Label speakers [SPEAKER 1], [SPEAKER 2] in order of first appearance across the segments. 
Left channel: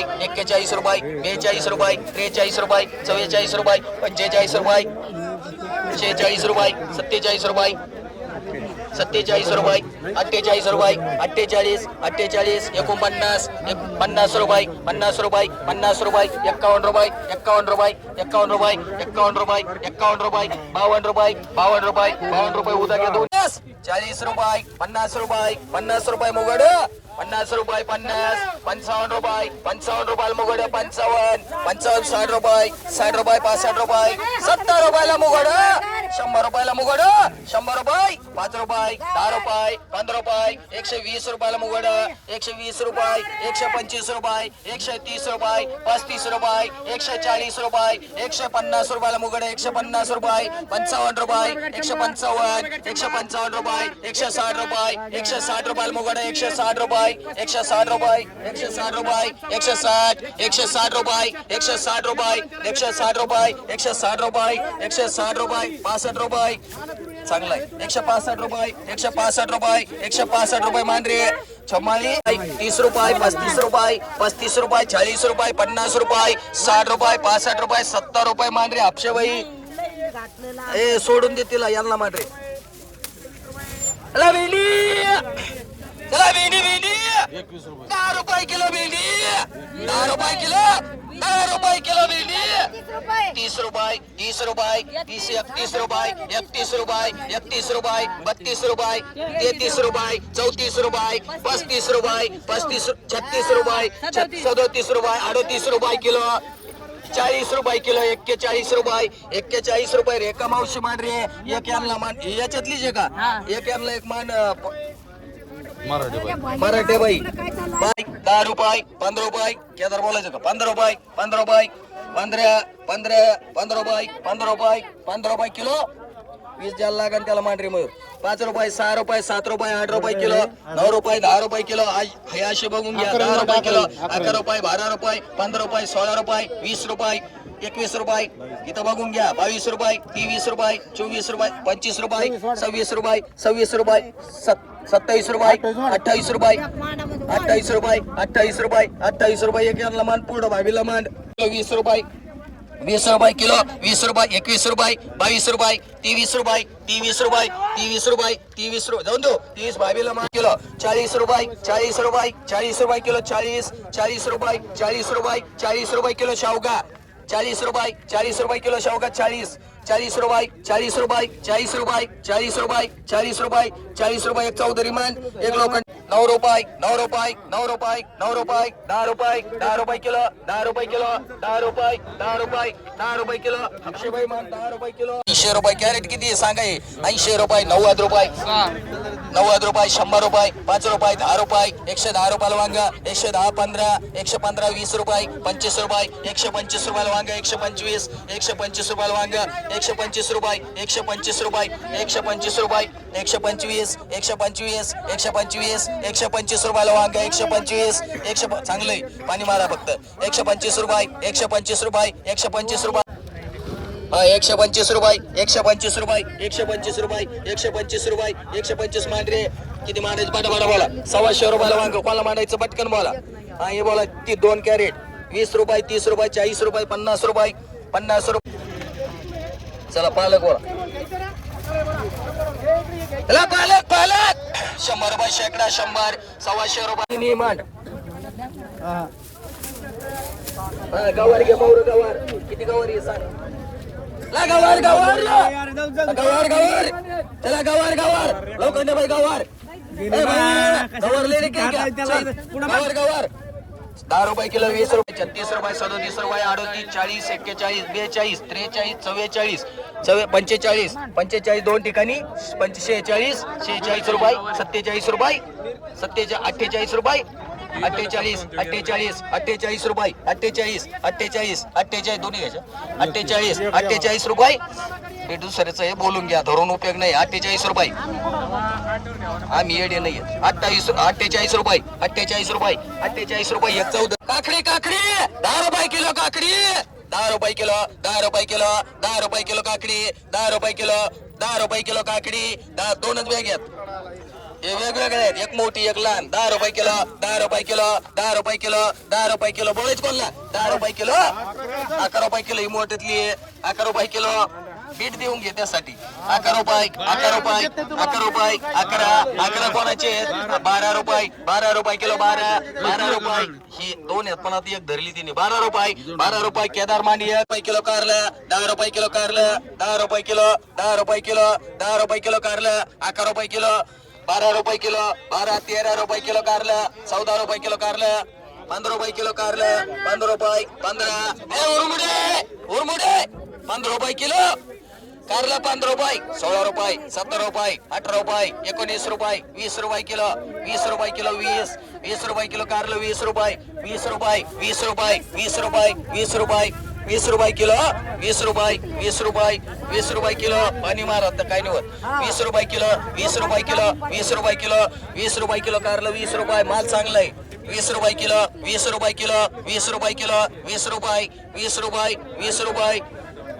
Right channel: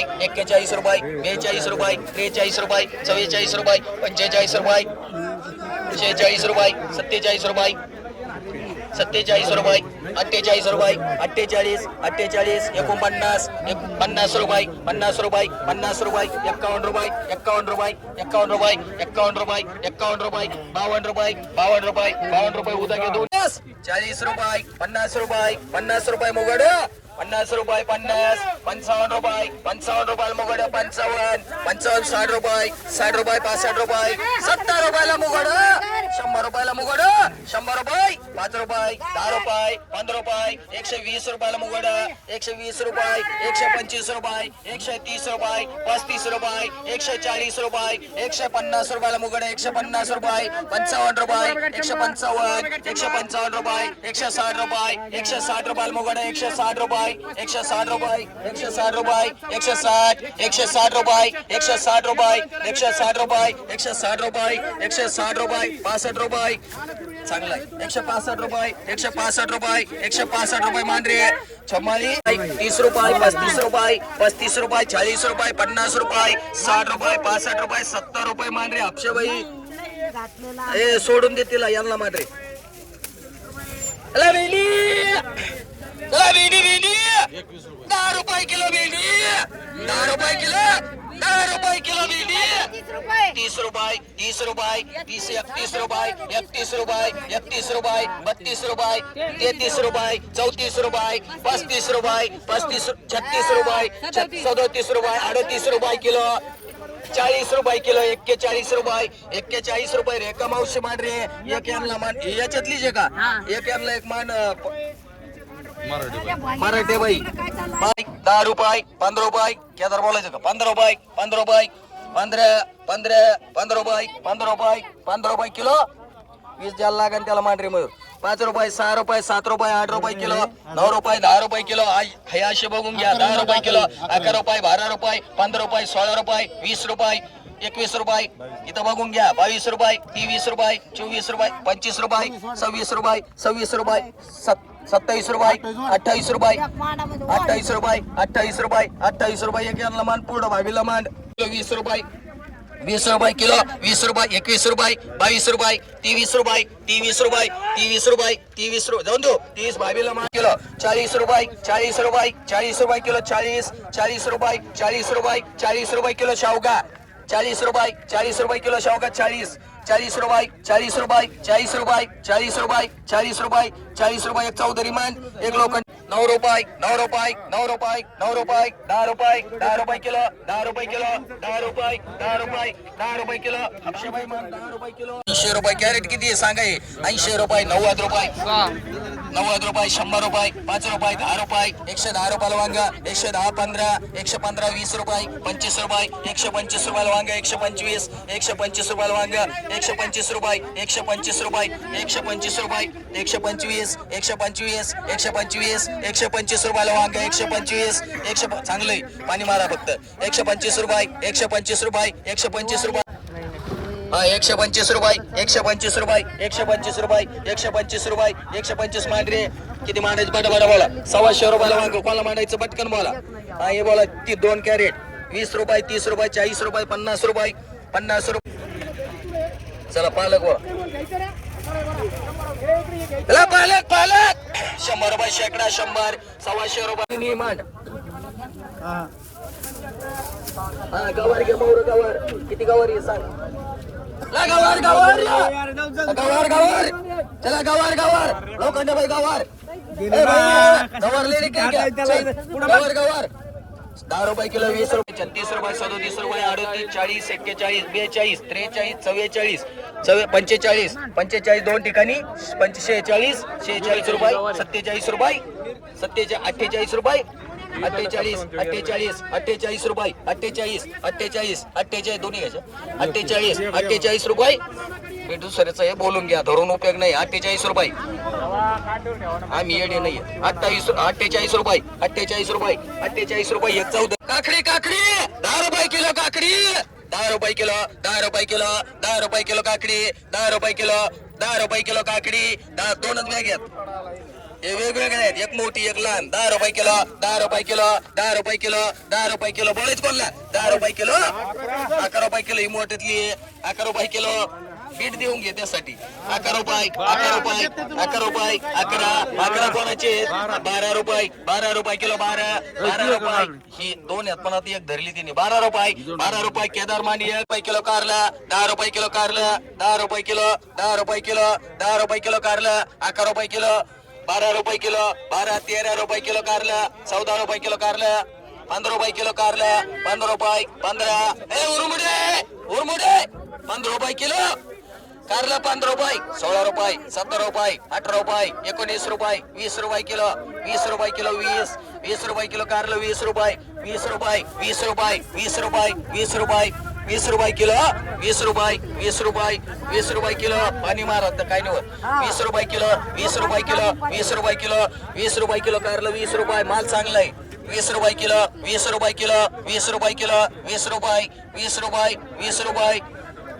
[SPEAKER 1] रुपये एक्केचाळीस रुपये बेचाळीस रुपये त्रेचाळीस रुपये चव्वेचाळीस रुपये पंचेचाळीस रुपये शेहेचाळीस रुपये सत्तेचाळीस रुपये सत्तेचाळीस रुपये अठ्ठेचाळीस रुपये अठ्ठेचाळीस अठ्ठेचाळीस एकोणपन्नास एक पन्नास रुपये पन्नास रुपये पन्नास रुपये एक्कावन्न रुपये एक्कावन्न रुपये एक्कावन्न रुपये एक्कावन्न रुपये एक्कावन्न रुपये बावन्न रुपये बावन्न रुपये बावन्न रुपये उद्या घेतो. चाळीस रुपये पन्नास रुपये पन्नास रुपये मुगड पन्नास रुपये पन्नास पंचावन्न रुपये पंचावन्न रुपये मुगड पंचावन्न पंचावन्न साठ रुपये साठ रुपये पासष्ट रुपये सत्तर रुपयाला मुगड शंभर रुपयाला मुगड शंभर रुपये पाच रुपये दहा रुपये पंधरा रुपये एकशे वीस रुपयाला मुगड एकशे वीस रुपये एकशे पंचवीस रुपये एकशे तीस रुपये पस्तीस रुपये एकशे चाळीस रुपये एकशे पन्नास रुपयाला मुगड एकशे पन्नास रुपये पंचावन्न रुपये एकशे पंचावन्न एकशे पंचावन्न रुपये एकशे साठ रुपये एकशे साठ रुपयाला मुगड एकशे साठ रुपये एकशे साठ रुपये एकशे साठ रुपये एकशे साठ एकशे साठ रुपये एकशे साठ रुपये एकशे साठ रुपये एकशे साठ रुपये एकशे साठ रुपये पासष्ट रुपये. चांगलं आहे. एकशे पासष्ट रुपये एकशे पासष्ट रुपये एकशे पासष्ट रुपये मांडरे छमाली तीस रुपये पस्तीस रुपये पस्तीस रुपये चाळीस रुपये पन्नास रुपये साठ रुपये पासष्ट रुपये सत्तर रुपये मांडरे आपशे बाई. ए सोडून दे तिला यांना मांडरे. चला भेंडी चला भेंडी दहा रुपये किलो भेंडी. दहा रुपये किलो. दहा रुपये किलो भेंडी. तीस रुपये तीस रुपये तीस एकतीस रुपये एकतीस रुपये एकतीस रुपये बत्तीस रुपये तेहतीस रुपये चौतीस रुपये पस्तीस रुपये पस्तीस छत्तीस रुपये सदोतीस रुपये अडतीस रुपये किलो. चाळीस रुपये किलो एक्केचाळीस रुपये एक्केचाळीस रुपये रेखा मावशी मान रे एक यांना मान याच्यातलीच आहे का? एक यांना एक मान मराठे बाई. बाई. दहा रुपये पंधरा रुपये. केदार बोलायचं का? पंधरा रुपये पंधरा रुपये पंधरा पंधरा पंधरा रुपये पंधरा रुपये पंधरा रुपये किलो. वीस द्यायला लागेल त्याला मांडरी मयूर पाच रुपये सहा रुपये सात रुपये आठ रुपये किलो. नऊ रुपये दहा रुपये किलो. आय- हे असे बघून घ्या. दहा रुपये किलो अकरा रुपये बारा रुपये पंधरा रुपये सोळा रुपये वीस रुपये एकवीस रुपये. इथं बघून घ्या बावीस रुपये तेवीस रुपये चोवीस रुपये पंचवीस रुपये सव्वीस रुपये सव्वीस रुपये सत्तावीस रुपये अठ्ठावीस रुपये अठ्ठावीस रुपये अठ्ठावीस रुपये अठ्ठावीस रुपये एक यांना मान पूर्ण भावीला मान. वीस रुपये वीस रुपये किलो वीस रुपये एकवीस रुपये बावीस रुपये तेवीस रुपये तेवीस रुपये तेवीस रुपये तेवीस रुपये जाऊन दो तीस बावीला मान किलो चाळीस रुपये चाळीस रुपये चाळीस रुपये किलो चाळीस चाळीस रुपये चाळीस रुपये चाळीस रुपये किलो शावगा चाळीस रुपये चाळीस रुपये किलो शावगा चाळीस. चाळीस रुपये चाळीस रुपये चाळीस रुपये चाळीस रुपये चाळीस रुपये चाळीस रुपये एक चौधरी मान एक लोक नऊ रुपये नऊ रुपये नऊ रुपये नऊ रुपये दहा रुपये दहा रुपये किलो दहा रुपये किलो दहा रुपये दहा रुपये दहा रुपये किलो. अक्षय भाई मान दहा रुपये किलो. ऐंशी रुपये कॅरेट किती आहे? सांगा ऐंशी रुपये नव्वद रुपये. नव्वद रुपये शंभर रुपये पाच रुपये दहा रुपये एकशे दहा रुपयाला वांगा एकशे दहा पंधरा एकशे पंधरा वीस रुपये पंचवीस रुपये एकशे पंचवीस रुपयाला वांगा एकशे पंचवीस एकशे पंचवीस रुपयाला वांगा एकशे पंचवीस रुपये एकशे पंचवीस रुपये एकशे पंचवीस रुपये एकशे पंचवीस एकशे पंचवीस एकशे पंचवीस एकशे पंचवीस रुपयाला वांगा एकशे पंचवीस एकशे प- चांगलंय. पाणी मारा फक्त. एकशे पंचवीस रुपये एकशे पंचवीस रुपये एकशे पंचवीस रुपये. हा, एकशे पंचवीस रुपये एकशे पंचवीस रुपये एकशे पंचवीस रुपये एकशे पंचवीस रुपये एकशे पंचवीस मांडरे. किती मांडायचं? बट बटा बोला सव्वाशे रुपयाला वांग कोणाला मांडायचं? पटकन बोला. हा हे बोला ती दोन कॅरेट. वीस रुपये तीस रुपये चाळीस रुपये पन्नास रुपये पन्नास रुपये. चला पालक बोला. चला पालक पालक. शंभर रुपये शेकडा शंभर. सव्वाशे रुपये. मांड. गवार घे मोर गवार. किती गवार आहे सांग. गवार गवार. गवार गवार. चला गवार गवार. लोखंड बाई गवार. गवार ले गवार गवार. दहा रुपये किलो वीस रुपये छत्तीस रुपये सदोतीस रुपये अडतीस चाळीस एक्केचाळीस बेचाळीस त्रेचाळीस चव्वेचाळीस चव्वे पंचेचाळीस. पंचेचाळीस दोन ठिकाणी पंच शेहेचाळीस शेहेचाळीस रुपये सत्तेचाळीस रुपये सत्तेचा अठ्ठेचाळीस रुपये अठ्ठेचाळीस अठ्ठेचाळीस अठ्ठेचाळीस रुपये अठ्ठेचाळीस अठ्ठेचाळीस अठ्ठेचाळीस दोन्ही घ्यायचं. अठ्ठेचाळीस अठ्ठेचाळीस रुपये. हे दुसऱ्याचं हे बोलून घ्या धरून उपयोग नाही. अठ्ठेचाळीस रुपये. आम्ही येडे नाही अठ्ठावीस अठ्ठेचाळीस रुपये अठ्ठेचाळीस रुपये अठ्ठेचाळीस रुपये एक चौदा. काकडी काकडी! दहा रुपये किलो काकडी! दहा रुपये किलो दहा रुपये किलो दहा रुपये किलो काकडी दहा रुपये किलो दहा रुपये किलो काकडी दहा दोनच बॅग घ्या हे वेगवेगळे आहेत. एक मोठी एक लहान. दहा रुपये किलो दहा रुपये किलो दहा रुपये किलो दहा रुपये किलो. बोलायच कोणला? दहा रुपये किलो. अकरा रुपये किलो ही मोठ्यातली अकरा रुपये किलो बीट देऊन घे त्यासाठी. अकरा रुपये अकरा रुपये अकरा रुपये अकरा. अकरा कोणाचे बारा रुपये बारा रुपये किलो बारा. बारा रुपये. ही दोन आहेत पण आता एक धरली तिने. बारा रुपये बारा रुपये. केदार मांडी एक रुपये किलो कारला. दहा रुपये किलो कारलं. दहा रुपये किलो दहा रुपये किलो दहा रुपये किलो कारलं. अकरा रुपये किलो. बारा रुपये किलो बारा तेरा रुपये किलो कारलं चौदा रुपये किलो कारलं पंधरा रुपये किलो कारलं पंधरा रुपये पंधरा. हे उरमुडे उरमुडे. पंधरा रुपये किलो. कारलं पंधरा रुपये सोळा रुपये सत्तर रुपये अठरा रुपये एकोणीस रुपये वीस रुपये किलो वीस रुपये किलो वीस वीस रुपये किलो कारलं वीस रुपये वीस रुपये वीस रुपये वीस रुपये वीस रुपये. वीस रुपये किलो वीस रुपये वीस रुपये वीस रुपये किलो पाणी मारत तर काय नाही वीस रुपये किलो वीस रुपये किलो वीस रुपये किलो वीस रुपये किलो कारलं वीस रुपये माल चांगला आहे वीस रुपये किलो वीस रुपये किलो वीस रुपये किलो वीस रुपये वीस रुपये वीस रुपये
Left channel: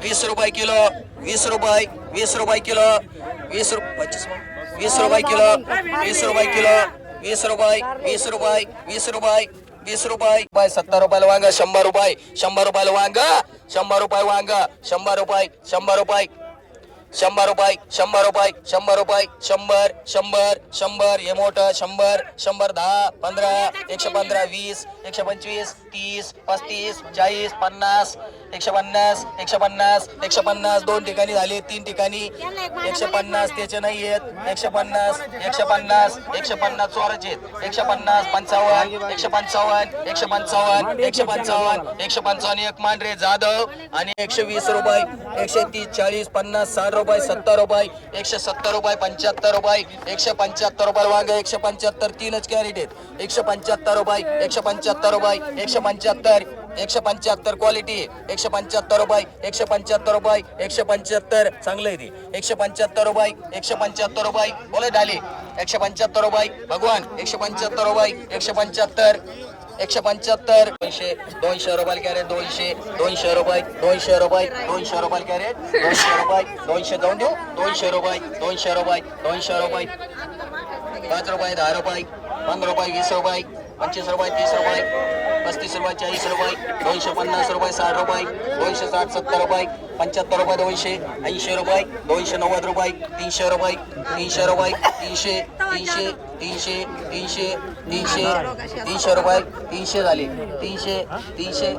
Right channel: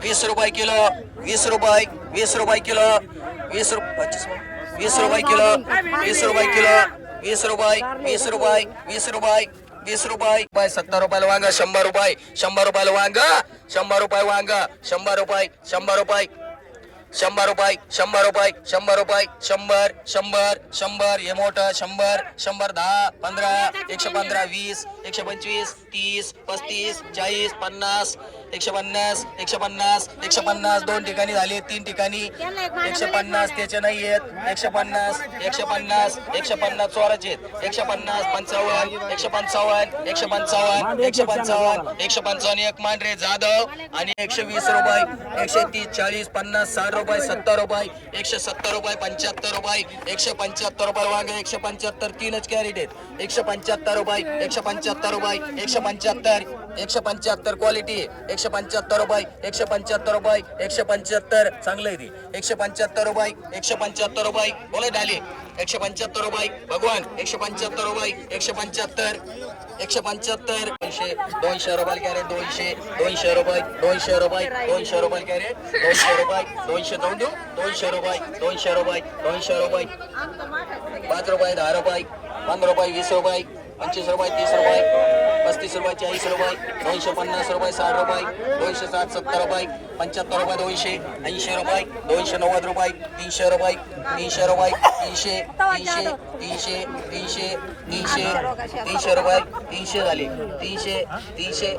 [SPEAKER 1] वीस रुपये किलो वीस रुपये वीस रुपये किलो वीस रुपये वीस रुपये किलो वीस रुपये किलो वीस रुपये वीस रुपये वीस रुपये वीस रुपये. बाय सत्तर रुपयाला वांगा शंभर रुपये. शंभर रुपयाला वांगा शंभर रुपये वांगा शंभर रुपये शंभर रुपये. शंभर रुपये शंभर रुपये शंभर रुपये शंभर शंभर शंभर. हे मोठं शंभर शंभर दहा पंधरा एकशे पंधरा वीस एकशे पंचवीस तीस पस्तीस चाळीस पन्नास एकशे पन्नास एकशे पन्नास एकशे पन्नास दोन ठिकाणी झाले तीन ठिकाणी. एकशे पन्नास त्याचे नाही आहेत. एकशे पन्नास एकशे पन्नास एकशे पन्नास चोराचे आहेत. एकशे पन्नास पंचावन्न एकशे पंचावन्न एकशे पंचावन्न एकशे पंचावन्न एकशे पंचावन्न एक मांढरे जाधव आणि एकशे वीस रुपये एकशे तीस चाळीस पन्नास साठ रुपये सत्तर रुपये एकशे सत्तर रुपये पंच्याहत्तर रुपये एकशे पंच्याहत्तर रुपये वांगे एकशे पंच्याहत्तर तीनच कॅरेट आहेत. एकशे पंच्याहत्तर रुपये एकशे पंच्याहत्तर रुपये एकशे पंच्याहत्तर एकशे पंच्याहत्तर क्वालिटी एकशे पंच्याहत्तर रुपये एकशे पंच्याहत्तर रुपये एकशे पंच्याहत्तर. चांगलं आहे ते. एकशे पंच्याहत्तर रुपये एकशे पंच्याहत्तर रुपये. बोले डाली. एकशे पंच्याहत्तर रुपये. भगवान एकशे पंच्याहत्तर रुपये एकशे पंच्याहत्तर. एकशे पंच्याहत्तर. दोनशे दोनशे रुपये कॅरेट दोनशे दोनशे रुपये दोनशे रुपये दोनशे रुपये कॅरेट दोनशे रुपये दोनशे जाऊन देऊ. दोनशे रुपये दोनशे रुपये दोनशे रुपये. पाच रुपये दहा रुपये पंधरा रुपये वीस रुपये. पंचवीस रुपये तीस रुपये पस्तीस रुपये चाळीस रुपये दोनशे पन्नास रुपये साठ रुपये दोनशे साठ सत्तर रुपये पंच्याहत्तर रुपये दोनशे ऐंशी रुपये दोनशे नव्वद रुपये तीनशे रुपये तीनशे रुपये तीनशे तीनशे तीनशे तीनशे तीनशे तीनशे रुपये तीनशे झाले तीनशे तीनशे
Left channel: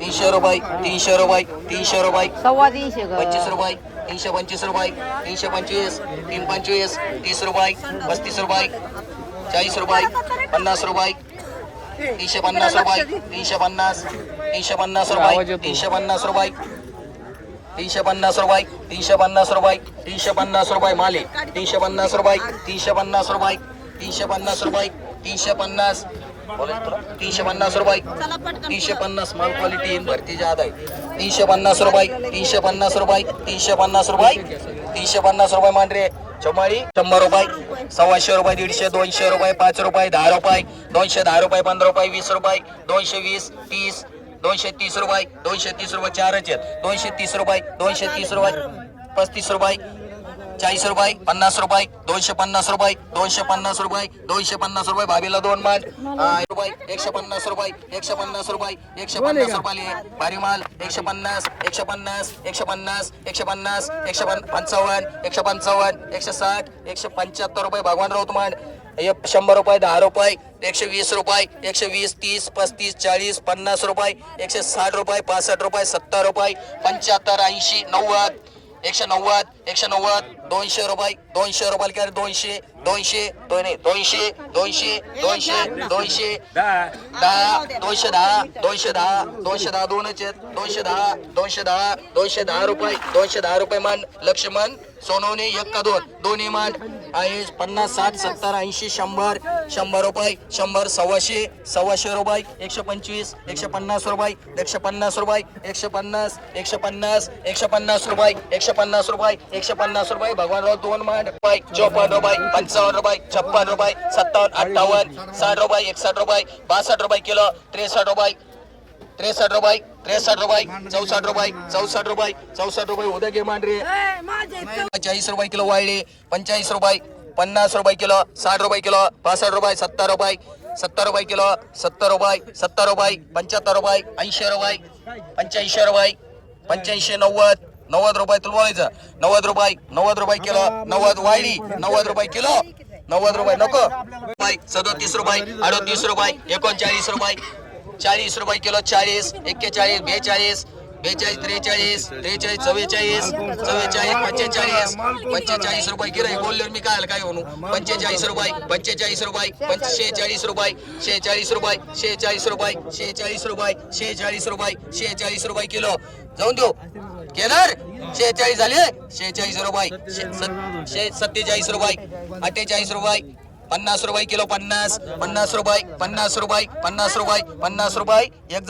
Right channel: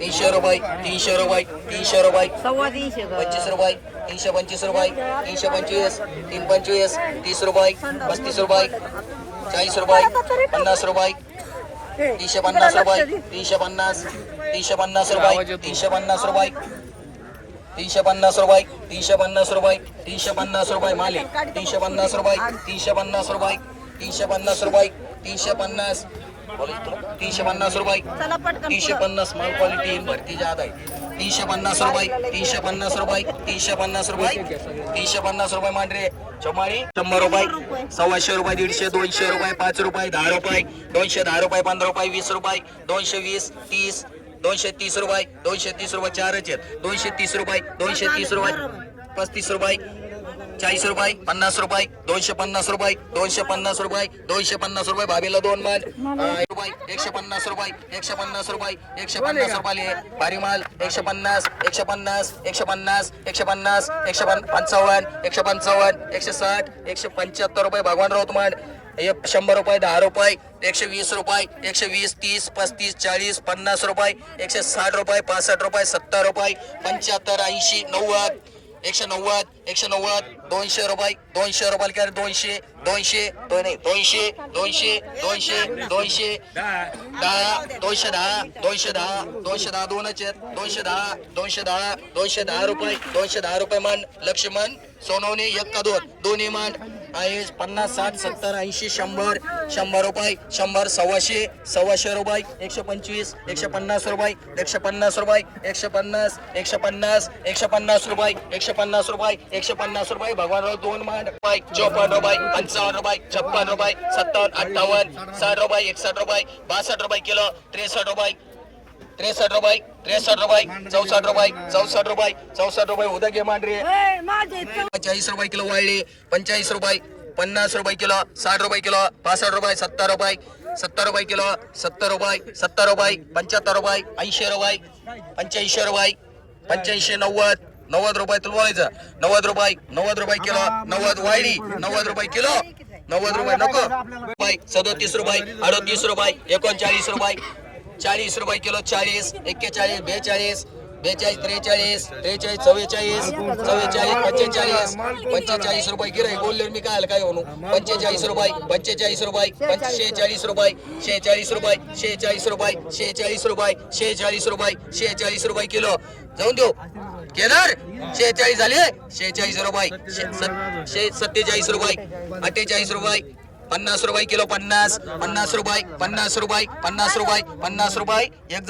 [SPEAKER 1] तीनशे रुपये तीनशे रुपये तीनशे रुपये
[SPEAKER 2] सव्वा तीनशे ग.
[SPEAKER 1] पंचवीस रुपये तीनशे पंचवीस रुपये तीनशे पंचवीस तीन पंचवीस तीस रुपये पस्तीस रुपये चाळीस रुपये पन्नास रुपये तीनशे पन्नास रुपये तीनशे पन्नास तीनशे पन्नास रुपये तीनशे पन्नास रुपये तीनशे पन्नास रुपये तीनशे पन्नास रुपये तीनशे पन्नास रुपये माले तीनशे पन्नास रुपये तीनशे पन्नास रुपये तीनशे पन्नास रुपये तीनशे पन्नास बोलायचं तुला तीनशे पन्नास रुपये तीनशे पन्नास माल क्वालिटी येईन भरती जात आहे तीनशे पन्नास रुपये तीनशे पन्नास रुपये तीनशे पन्नास रुपये तीनशे पन्नास रुपये मांडरे चमाळी शंभर रुपये सव्वाशे रुपये दीडशे दोनशे रुपये पाच रुपये दहा रुपये दोनशे दहा रुपये पंधरा रुपये वीस रुपये दोनशे वीस तीस दोनशे तीस रुपये दोनशे तीस रुपये चारच दोनशे तीस रुपये दोनशे तीस रुपये पस्तीस रुपये चाळीस रुपये पन्नास रुपये दोनशे पन्नास रुपये दोनशे पन्नास रुपये दोनशे पन्नास रुपये भाभीला दोन माल रुपये एकशे पन्नास रुपये एकशे पन्नास रुपये एकशे पन्नास रुपये भारी माल. एकशे पन्नास एकशे पन्नास एकशे पन्नास एकशे पन्नास एकशे पंचावन्न एकशे पंचावन्न एकशे साठ एकशे पंच्याहत्तर रुपये भगवान राऊत मांड एक शंभर रुपये दहा रुपये एकशे वीस रुपये एकशे वीस तीस पस्तीस चाळीस पन्नास रुपये एकशे साठ रुपये पासष्ट रुपये सत्तर रुपये पंच्याहत्तर ऐंशी नव्वद एकशे नव्वद एकशे नव्वद दोनशे रुपये दोनशे रुपये कॅरेट दोनशे दोनशे दोन दोनशे दोनशे दोनशे दोनशे. दहा दोनशे दहा दोनशे दहा दोनशे दहा दोनच दोनशे दहा दोनशे दहा दोनशे दहा रुपये दोनशे दहा रुपये मान लक्ष्मण सोनवणे एक का दोन दोन्ही मान. आहे. पन्नास साठ सत्तर ऐंशी शंभर शंभर रुपये शंभर सव्वाशे सव्वाशे रुपये एकशे पंचवीस एकशे पन्नास रुपये एकशे पन्नास रुपये एकशे पन्नास एकशे पन्नास एकशे पन्नास रुपये एकशे पन्नास रुपये एकशे पन्नास रुपये. भगवानराव दोन मान रुपये चौपन्न रुपये पंचावन्न रुपये छप्पन रुपये सत्तावन्न अठ्ठावन्न साठ रुपये एकसष्ट रुपये बासष्ट रुपये किलो त्रेसष्ट रुपये त्रेसष्ट रुपये त्रेसष्ट रुपये चौसष्ट रुपये चौसष्ट रुपये चौसष्ट रुपये उद्या घे मांडरे.
[SPEAKER 2] ए, माझे चौ-
[SPEAKER 1] चाळीस रुपये किलो वाळले पंचाळीस रुपये पन्नास रुपये किलो साठ रुपये किलो पासष्ट रुपये सत्तर रुपये सत्तर रुपये किलो सत्तर रुपये सत्तर रुपये पंच्याहत्तर रुपये ऐंशी रुपये पंच्याऐंशी रुपये पंच्याऐंशी नव्वद नव्वद रुपये तुला बोलायचं. नव्वद रुपये नव्वद रुपये किलो नव्वद वायडी नव्वद रुपये किलो नव्वद रुपये नको. रुपये सदोतीस रुपये अडोतीस रुपये एकोणचाळीस रुपये चाळीस रुपये किलो चाळीस एक्केचाळीस बेचाळीस बेचाळीस त्रेचाळीस त्रेचाळीस चव्वेचाळीस चव्वेचाळीस पंचेचाळीस पंचेचाळीस रुपये गिराई बोलले मी काय काय म्हणू? पंचेचाळीस रुपये पंचेचाळीस रुपये पंच रुपये शेहेचाळीस रुपये शेहेचाळीस रुपये शेहेचाळीस रुपये शेहेचाळीस रुपये शेहेचाळीस रुपये किलो. जाऊन देऊ. केदार शेहेचाळीस झाले? शेहेचाळीस रुपये सत्तेचाळीस रुपये अठ्ठेचाळीस रुपये पन्नास रुपये किलो पन्नास पन्नास रुपये पन्नास रुपये पन्नास रुपये पन्नास रुपये. एक